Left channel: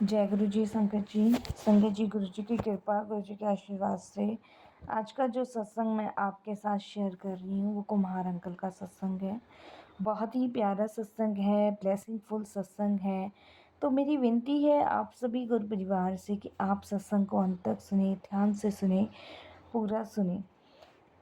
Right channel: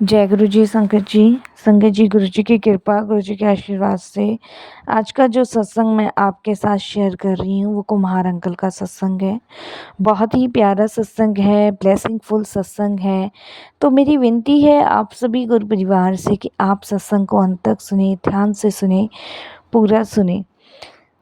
जय गुरु जी, संगत जी, गुरु जी की कृपा, गुरु जी के आशीर्वाद से आज का जो सत्संग मैं आपके साथ शेयर कर रही हूँ वो कुम्हार अंकल का सत्संग है। बहुत ही प्यारा सत्संग है, ब्लेसिंगफुल सत्संग है। तो मेरी विनती है आप सभी गुरु परिवार से कि आप सत्संग को अंत तक सुने, ध्यान से सुने, पूरा सुने।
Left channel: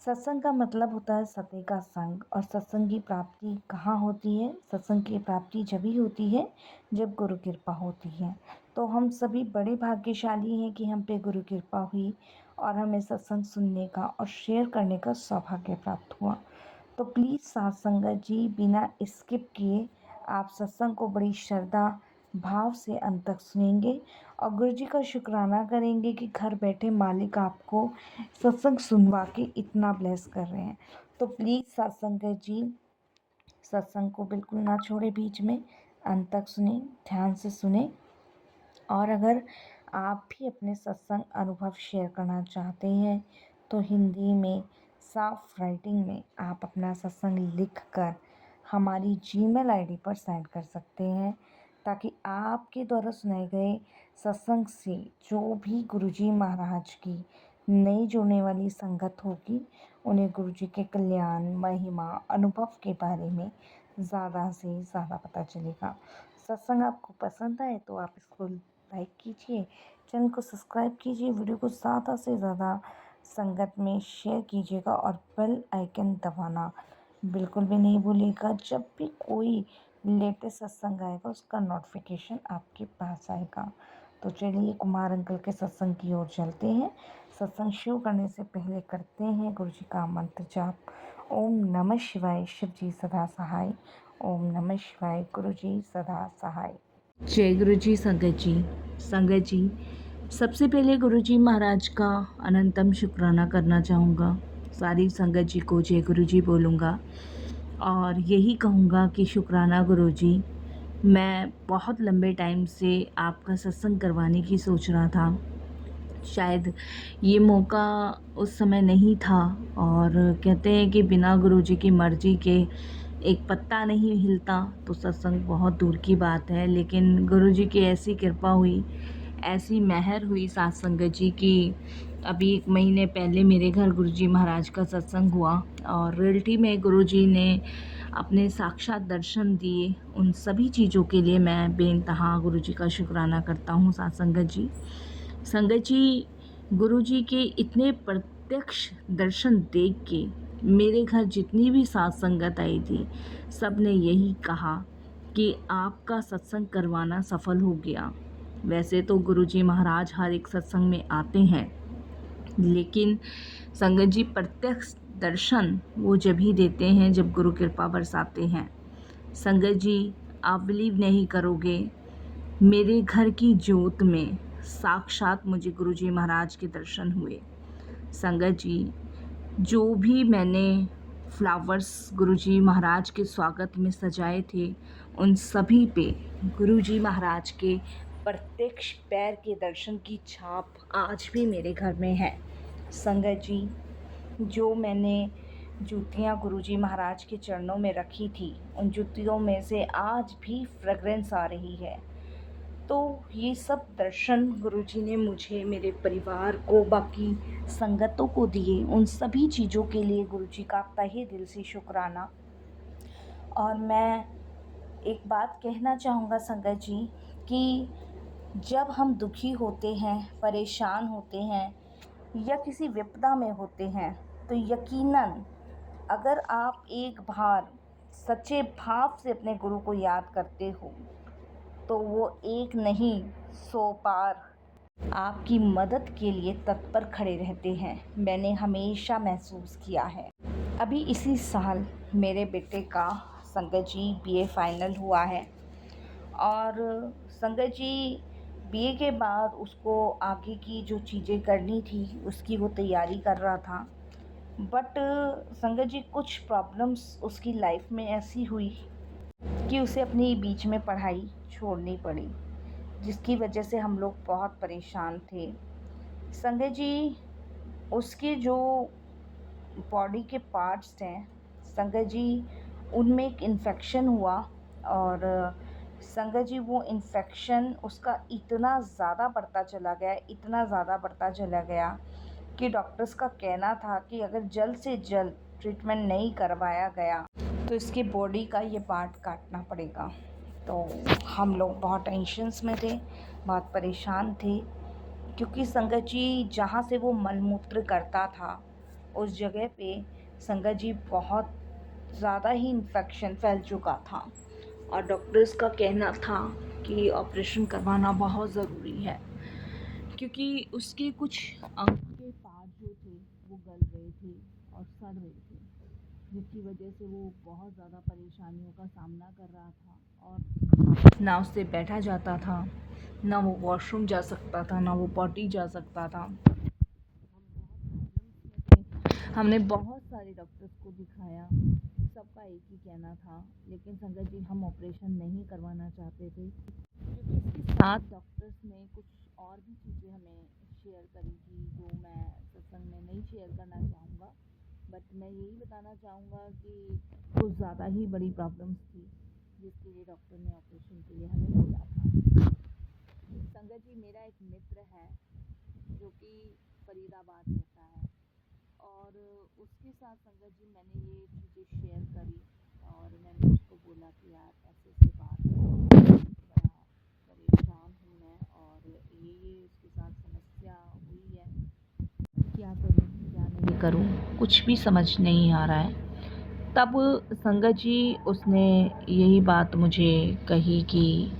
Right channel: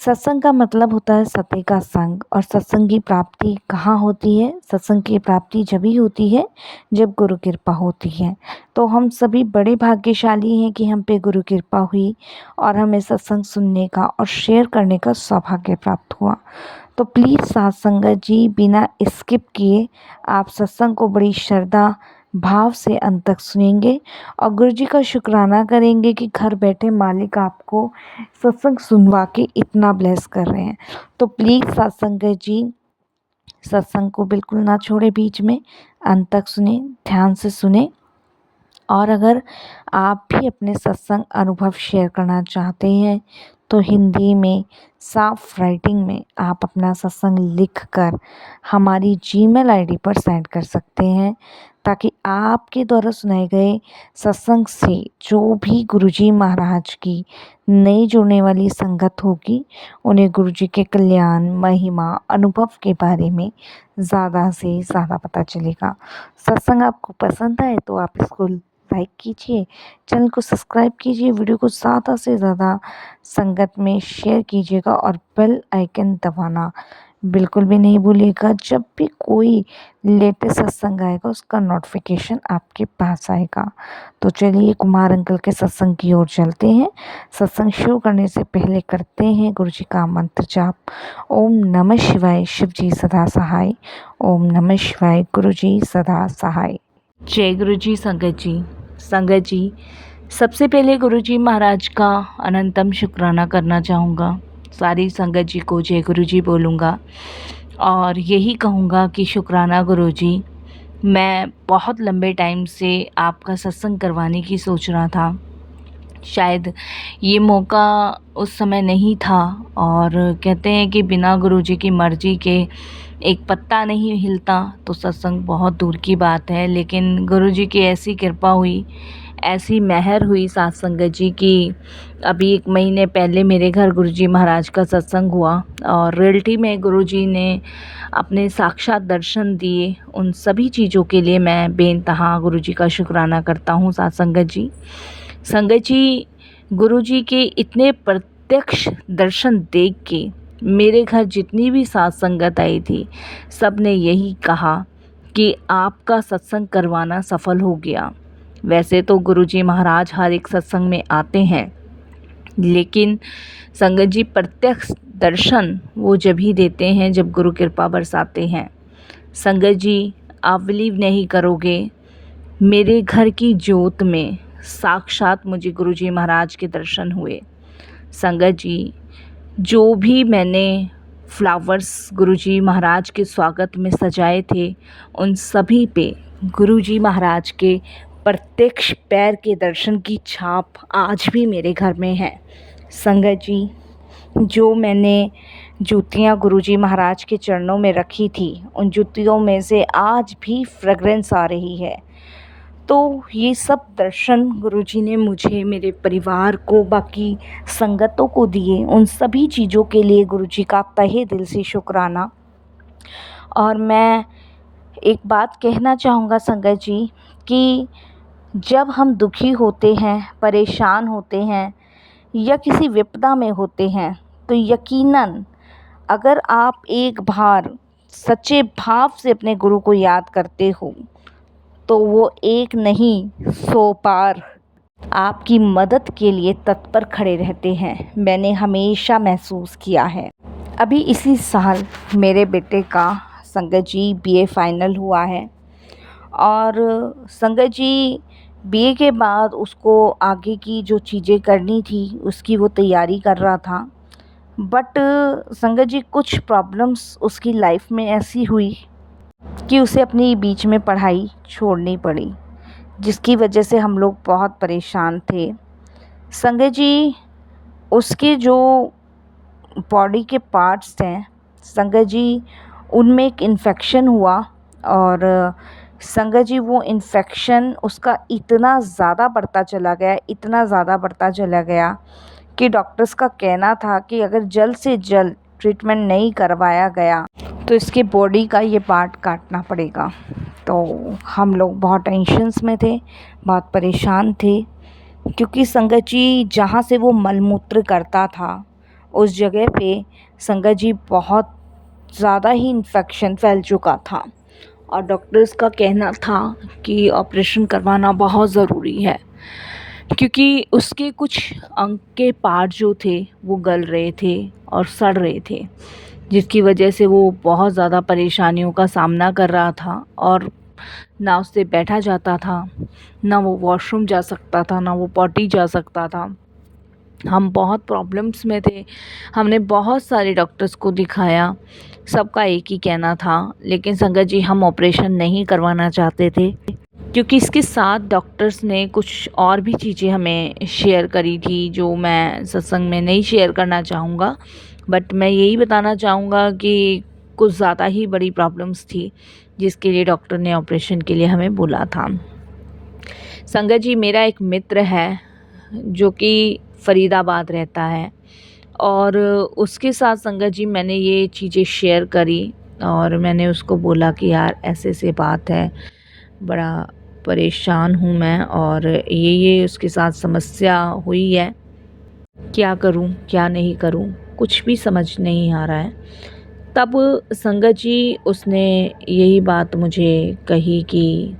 सत्संग का मतलब होता है सत्य का संग। और सत्संग की प्राप्ति कहाँ होती है? सत्संग की प्राप्ति जब ही होती है जब गुरु कृपा होती है। तो हम सभी बड़े भाग्यशाली हैं कि हम पे गुरु कृपा हुई और हमें सत्संग सुनने का और शेयर करने का सौभाग्य प्राप्त हुआ। तो प्लीज़ साथ संगत जी, बिना स्किप किए आप सत्संग को बड़ी श्रद्धा भाव से अंत तक सुनेंगे और गुरु जी का शुक्राना करेंगे कि घर बैठे मालिक आपको सत्संग सुनवा के इतना ब्लेस कर रहे हैं। तो प्लीज़ साथ संगत जी, सत्संग को बिल्कुल ना छोड़े, बीच में अंत तक सुने, ध्यान से सुने। और अगर आप भी अपने सत्संग अनुभव शेयर करना चाहते हैं तो हिंदी में साफ राइटिंग में आप अपना सत्संग लिखकर हमारी जीमेल आईडी पर सेंड कर सकते हैं, ताकि आपके द्वारा सुनाए गए सत्संग से जो भी गुरुजी महाराज की नई जुड़ने वाली संगत होगी उन्हें गुरुजी के कल्याण, महिमा, अनुभव के बारे में ज़्यादा से ज़्यादा पता चलेगा। सत्संग आपको पसंद आए तो आप इसको लाइक कीजिए, चैनल को सब्सक्राइब कीजिए, वीडियो को ज़्यादा से ज़्यादा संगत में शेयर कीजिएगा और बेल आइकन दबाना बिल्कुल भी नहीं भूलिएगा। जब भी कोई लेटेस्ट सत्संग आएगा उसका नोटिफिकेशन आपके पास आएगा। तो चलिए कुमार अंकल के सत्संग की ओर चलते हैं। सत्संग शुरू करने से पहले करते हैं गुरु जी का मंत्र जाप। ओम नमः शिवाय, शिव जी सदा सहाय। ओम नमः शिवाय, गुरु जी सदा सहाय। जय गुरु जी। संगत जी, सबसे पहले गुरु जी महाराज का अनंतम शुक्राना करना चाहूँगा। सारी संगत जी को जय गुरु जी बोलूँगा और यही कहूँगा कि शुक्राना गुरु जी। मैं बहुत लंबे टाइम से आपका सत्संग करवाने की सोच रहा था, शायद ये मौका उस समय नहीं था। और कहते हैं कि बिना गुरुजी की मर्जी के एक पत्ता नहीं हिलता, तो सत्संग बहुत दूर की बात है। लेकिन गुरुजी की ऐसी कृपा हुई, ऐसी मेहर हुई साथ संगत जी की अभी 1 महीने पहले मेरे घर गुरुजी महाराज का सत्संग हुआ और रियलिटी में गुरुजी ने अपने साक्षात दर्शन दिए। उन सभी चीज़ों के लिए मैं बेइंतहा गुरुजी का शुक्राना करता हूँ साथ संगत जी। संगत जी, गुरुजी के इतने प्रत्यक्ष दर्शन देख के मेरे घर जितनी भी साथ संगत आई थी, सब ने यही कहा कि आपका सत्संग करवाना सफल हो गया। वैसे तो गुरुजी महाराज हर एक सत्संग में आते हैं, लेकिन संगत जी प्रत्यक्ष दर्शन वो जब ही देते हैं जब गुरु कृपा बरसाते हैं। संगत जी, आप बिलीव नहीं करोगे, मेरे घर की जोत में साक्षात मुझे गुरुजी महाराज के दर्शन हुए। संगत जी, जो भी मैंने फ्लावर्स गुरुजी महाराज के स्वागत में सजाए थे, उन सभी पे गुरुजी महाराज के प्रत्यक्ष पैर के दर्शन की छाप आज भी मेरे घर में है। संगत जी, जो मैंने जूतियाँ गुरुजी महाराज के चरणों में रखी थी, उन जूतियों में से आज भी फ्रेगरेंस आ रही है। तो ये सब दर्शन गुरुजी ने मुझे, मेरे परिवार को, बाकी संगतों को दिए। उन सभी चीज़ों के लिए गुरुजी का तहे दिल से शुक्राना। और मैं एक बात कहना चाहूँगा संगत जी कि जब हम दुखी होते हैं, परेशान होते हैं या किसी विपदा में होते हैं, तो यकीनन अगर आप एक बार सच्चे भाव से अपने गुरु को याद करते हो तो वो एक नहीं 100 बार आपकी मदद के लिए तत्पर खड़े रहते हैं। मैंने हमेशा महसूस किया है। अभी इसी साल मेरे बेटे का संगत जी बीए फाइनल हुआ है और संगत जी बीए के बाद उसको आगे की जो चीज़ें करनी थी उसकी वो तैयारी कर रहा था। बट संगत जी कुछ प्रॉब्लम्स उसकी लाइफ में ऐसी हुई कि उसे अपनी बीच में पढ़ाई छोड़नी पड़ी, जिसकी वजह से हम लोग बहुत परेशान थे। संगत जी, उसके जो बॉडी के पार्ट्स हैं संगत जी, उनमें एक इन्फेक्शन हुआ और संगत जी वो इन्फेक्शन उसका इतना ज़्यादा बढ़ता चला गया, इतना ज़्यादा बढ़ता चला गया कि डॉक्टर्स का कहना था कि अगर जल्द से जल्द ट्रीटमेंट नहीं करवाया गया तो इसके बॉडी का ये पार्ट काटना पड़ेगा। तो हम लोग बहुत टेंशन्स में थे, बहुत परेशान थे, क्योंकि संगत जी जहाँ से वो मलमूत्र करता था उस जगह पे संगत जी बहुत ज़्यादा ही इन्फेक्शन फैल चुका था और डॉक्टर्स का कहना था कि ऑपरेशन करवाना बहुत ज़रूरी है, क्योंकि उसके कुछ अंग के पार्ट जो थे वो गल रहे थे और सड़ रहे थे, जिसकी वजह से वो बहुत ज़्यादा परेशानियों का सामना कर रहा था और ना उससे बैठा जाता था, ना वो वॉशरूम जा सकता था, ना वो पॉटी जा सकता था। हम बहुत प्रॉब्लम्स में थे, हमने बहुत सारे डॉक्टर्स को दिखाया, सबका एक ही कहना था, लेकिन संगत जी हम ऑपरेशन नहीं करवाना चाहते थे, क्योंकि इसके साथ डॉक्टर्स ने कुछ और भी चीज़ें हमें शेयर करी थी जो मैं सत्संग में नहीं शेयर करना चाहूँगा, बट मैं यही बताना चाहूँगा कि कुछ ज़्यादा ही बड़ी प्रॉब्लम्स थी जिसके लिए डॉक्टर ने ऑपरेशन के लिए हमें बोला था। संगत जी मेरा एक मित्र है जो कि फ़रीदाबाद रहता है और उसके साथ संगत जी मैंने ये चीज़ें शेयर करी और मैंने उसको बोला कि यार ऐसे ऐसे बात है, बड़ा परेशान हूँ मैं और ये उसके साथ समस्या हुई है, क्या करूँ क्या नहीं करूँ, कुछ भी समझ नहीं आ रहा है। तब संगत जी उसने यही बात मुझे कही कि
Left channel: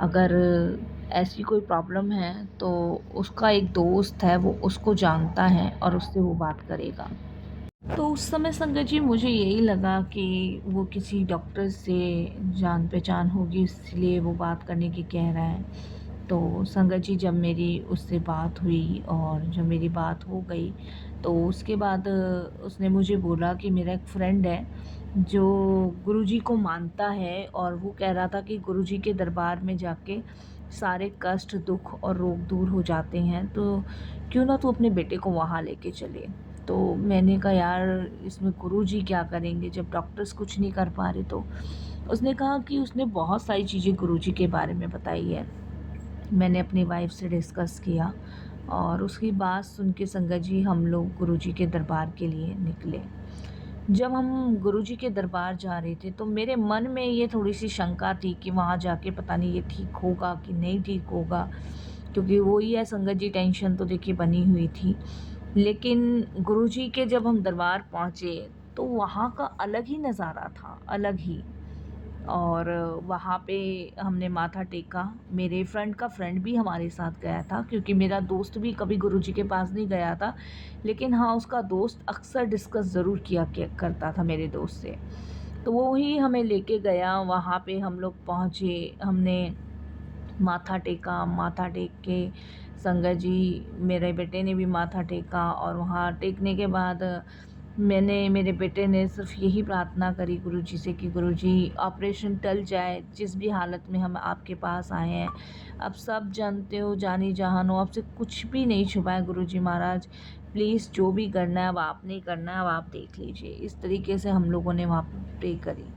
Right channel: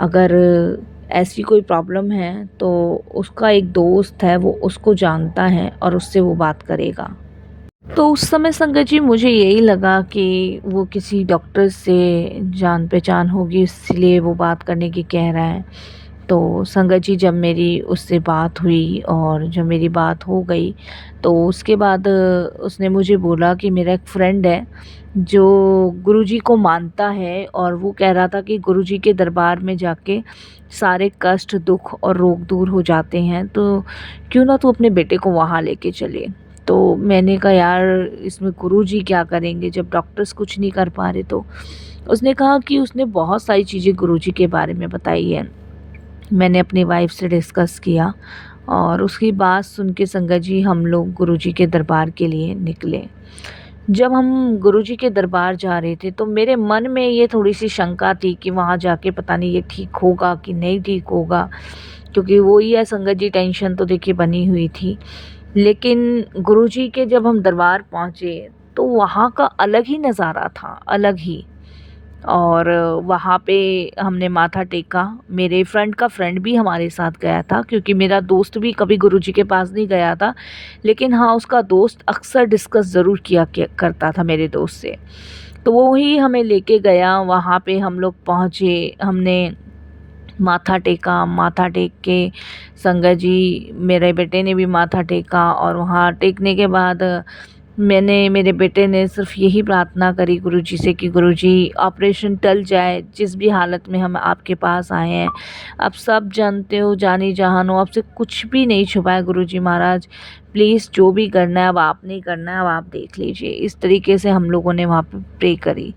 अगर ऐसी कोई प्रॉब्लम है तो उसका एक दोस्त है, वो उसको जानता है और उससे वो बात करेगा। तो उस समय संगत जी मुझे यही लगा कि वो किसी डॉक्टर से जान पहचान होगी, इसलिए वो बात करने की कह रहा है। तो संगत जी जब मेरी उससे बात हुई और जब मेरी बात हो गई तो उसके बाद उसने मुझे बोला कि मेरा एक फ्रेंड है जो गुरुजी को मानता है और वो कह रहा था कि गुरुजी के दरबार में जाके सारे कष्ट दुख और रोग दूर हो जाते हैं, तो क्यों ना तू अपने बेटे को वहाँ लेके चले। तो मैंने कहा यार इसमें गुरुजी क्या करेंगे जब डॉक्टर्स कुछ नहीं कर पा रहे। तो उसने कहा कि उसने बहुत सारी चीज़ें गुरुजी के बारे में बताई है। मैंने अपनी वाइफ से डिस्कस किया और उसकी बात सुन के संगत जी हम लोग गुरुजी के दरबार के लिए निकले। जब हम गुरुजी के दरबार जा रहे थे तो मेरे मन में ये थोड़ी सी शंका थी कि वहाँ जाके पता नहीं ये ठीक होगा कि नहीं ठीक होगा, क्योंकि वो ही है संगत जी, टेंशन तो देखिए बनी हुई थी। लेकिन गुरुजी के जब हम दरबार पहुँचे तो वहाँ का अलग ही नज़ारा था, अलग ही। और वहाँ पे हमने माथा टेका, मेरे फ्रेंड का फ्रेंड भी हमारे साथ गया था, क्योंकि मेरा दोस्त भी कभी गुरुजी के पास नहीं गया था, लेकिन हाँ उसका दोस्त अक्सर डिस्कस ज़रूर किया करता था मेरे दोस्त से। तो वो ही हमें लेके गया, वहाँ पे हम लोग पहुँचे, हमने माथा टेका, माथा टेक के संगत जी मेरे बेटे ने भी माथा टेका और वहाँ टेकने के बाद मेरे बेटे ने सिर्फ यही प्रार्थना करी गुरुजी से कि गुरुजी ऑपरेशन टल जाए, जिस भी हालत में हम आपके पास आए हैं, आप सब जानते हो, जानी जहान हो, आपसे कुछ भी नहीं छुपा है गुरुजी महाराज, प्लीज़ जो भी करना है अब आपने ही करना है, अब आप देख लीजिए। इस तरीके से हम लोगों ने वहाँ पे प्रे करी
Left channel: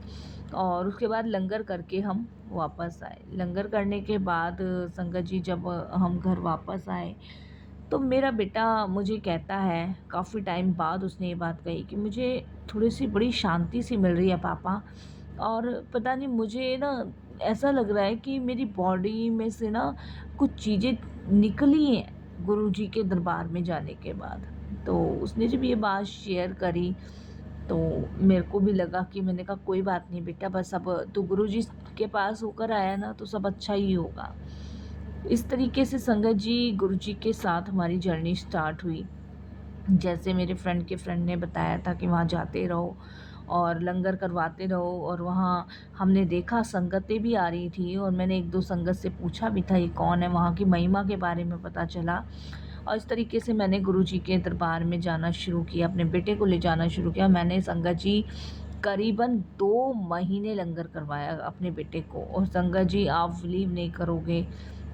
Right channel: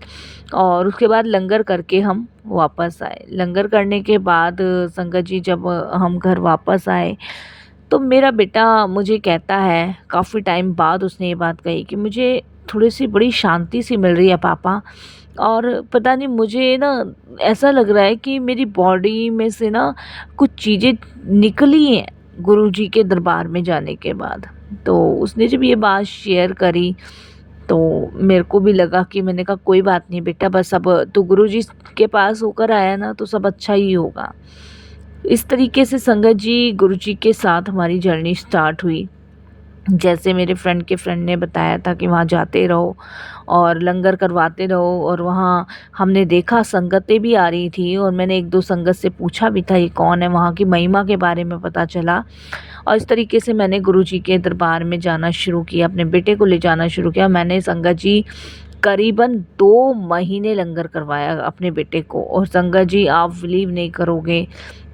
और उसके बाद लंगर करके हम वापस आए। लंगर करने के बाद संगत जी जब हम घर वापस आए तो मेरा बेटा मुझे कहता है, काफ़ी टाइम बाद उसने ये बात कही कि मुझे थोड़ी-सी बड़ी शांति सी मिल रही है पापा, और पता नहीं मुझे ना ऐसा लग रहा है कि मेरी बॉडी में से ना कुछ चीज़ें निकली हैं गुरुजी के दरबार में जाने के बाद। तो उसने जब ये बात शेयर करी तो मेरे को भी लगा कि मैंने कहा कोई बात नहीं बेटा, बस अब तू गुरुजी के पास होकर आया ना तो सब अच्छा ही होगा। इस तरीके से संगत जी गुरुजी के साथ हमारी जर्नी स्टार्ट हुई। जैसे मेरे फ्रेंड के फ्रेंड ने बताया था कि वहाँ जाते रहो और लंगर करवाते रहो, और वहाँ हमने देखा संगतें भी आ रही थी और मैंने एक दो संगत से पूछा भी था ये कौन है, वहाँ की महिमा के बारे में पता चला। और इस तरीके से मैंने गुरुजी के दरबार में जाना शुरू किया, अपने बेटे को ले जाना शुरू किया। मैंने संगत जी करीबन 2 महीने लंगर करवाया अपने बेटे को, और संगत जी आप बिलीव नहीं करोगे,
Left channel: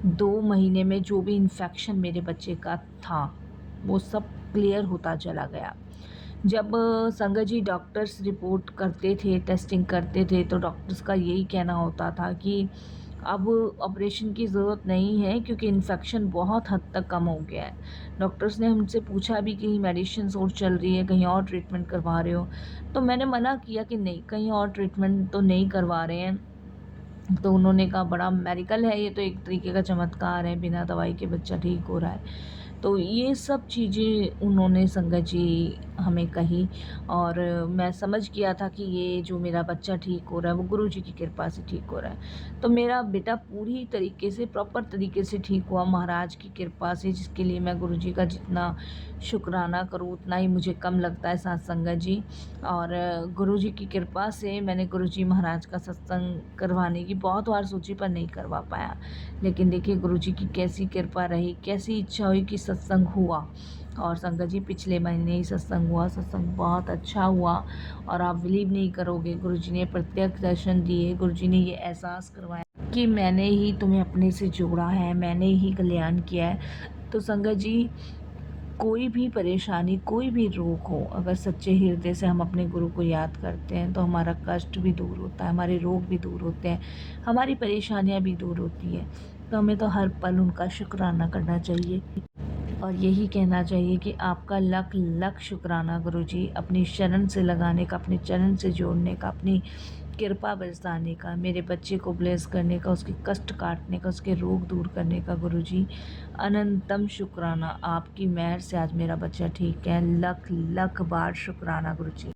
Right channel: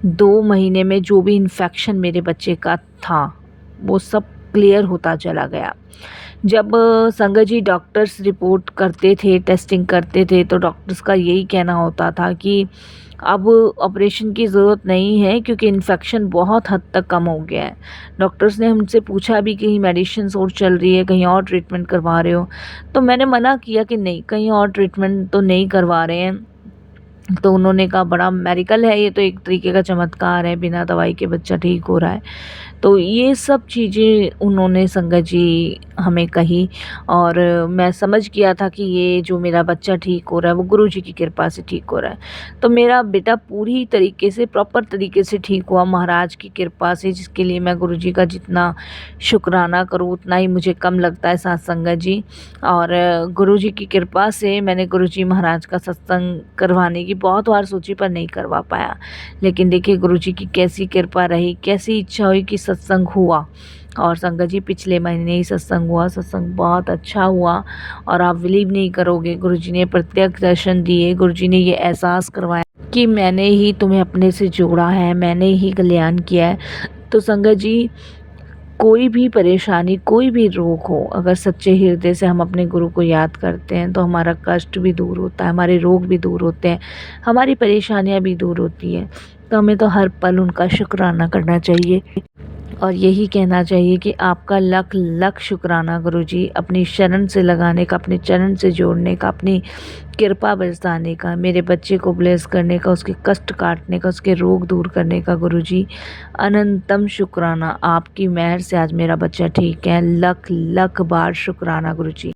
2 महीने में जो भी इन्फेक्शन मेरे बच्चे का था वो सब क्लियर होता चला गया। जब संगत जी डॉक्टर्स रिपोर्ट करते थे, टेस्टिंग करते थे, तो डॉक्टर्स का यही कहना होता था कि अब ऑपरेशन की ज़रूरत नहीं है क्योंकि इन्फेक्शन बहुत हद तक कम हो गया है। डॉक्टर्स ने हमसे पूछा भी कहीं मेडिसिन्स और चल रही है, कहीं और ट्रीटमेंट करवा रहे हो? तो मैंने मना किया कि नहीं, कहीं और ट्रीटमेंट तो नहीं करवा रहे हैं। तो उन्होंने कहा बड़ा मेडिकल है, ये तो एक तरीके का चमत्कार है, बिना दवाई के बच्चा ठीक हो रहा है। तो ये सब चीज़ें उन्होंने संगत जी हमें कही और मैं समझ गया था कि ये जो मेरा बच्चा ठीक हो रहा है वो गुरुजी की कृपा से ठीक हो रहा है। तो मेरा बेटा पूरी तरीके से प्रॉपर तरीके से ठीक हुआ महाराज की कृपा से, जिसके लिए मैं गुरुजी का जितना शुक्राना करूँ उतना ही मुझे कम लगता है साथ संगत जी। और गुरुजी की कृपा से मैंने गुरुजी महाराज का सत्संग करवाने की बहुत बार सोची पर नहीं करवा पाया। लेकिन देखिए गुरुजी की कैसी कृपा रही, कैसी इच्छा हुई कि सत्संग हुआ। और संगत जी पिछले महीने ही सत्संग हुआ, सत्संग बहुत अच्छा हुआ और आप बिलीव नहीं करोगे, गुरुजी ने प्रत्यक्ष दर्शन दिए, गुरुजी ने ये एहसास करवाया कि मैंने ही तुम्हें अपने से जोड़ा है, मैंने ही कल्याण किया है। तो संगत जी कोई भी परेशानी, कोई भी रोग हो, अगर सच्चे हृदय से हम अपने गुरु को याद करते हैं तो हमारा कष्ट भी दूर होता है, हमारे रोग भी दूर होते हैं, हमारी परेशानियां भी दूर होती हैं। तो हमें तो हर पल उनका शुक्राना करना चाहिए और यही कहना चाहिए कि आपका लख लख शुक्राना गुरुजी, अपनी शरण से लगाने का, अपने चरण से जोड़ने का, अपनी कृपा बरसाने का, मेरे बच्चे को ब्लेस करने का, उसके कष्ट काटने का, उसके रोग दूर करने का गुरुजी अनंतम शुक्राना। आपकी मेहर से आज मेरा बच्चा ठीक है, लख लख बार शुक्राना गुरुजी।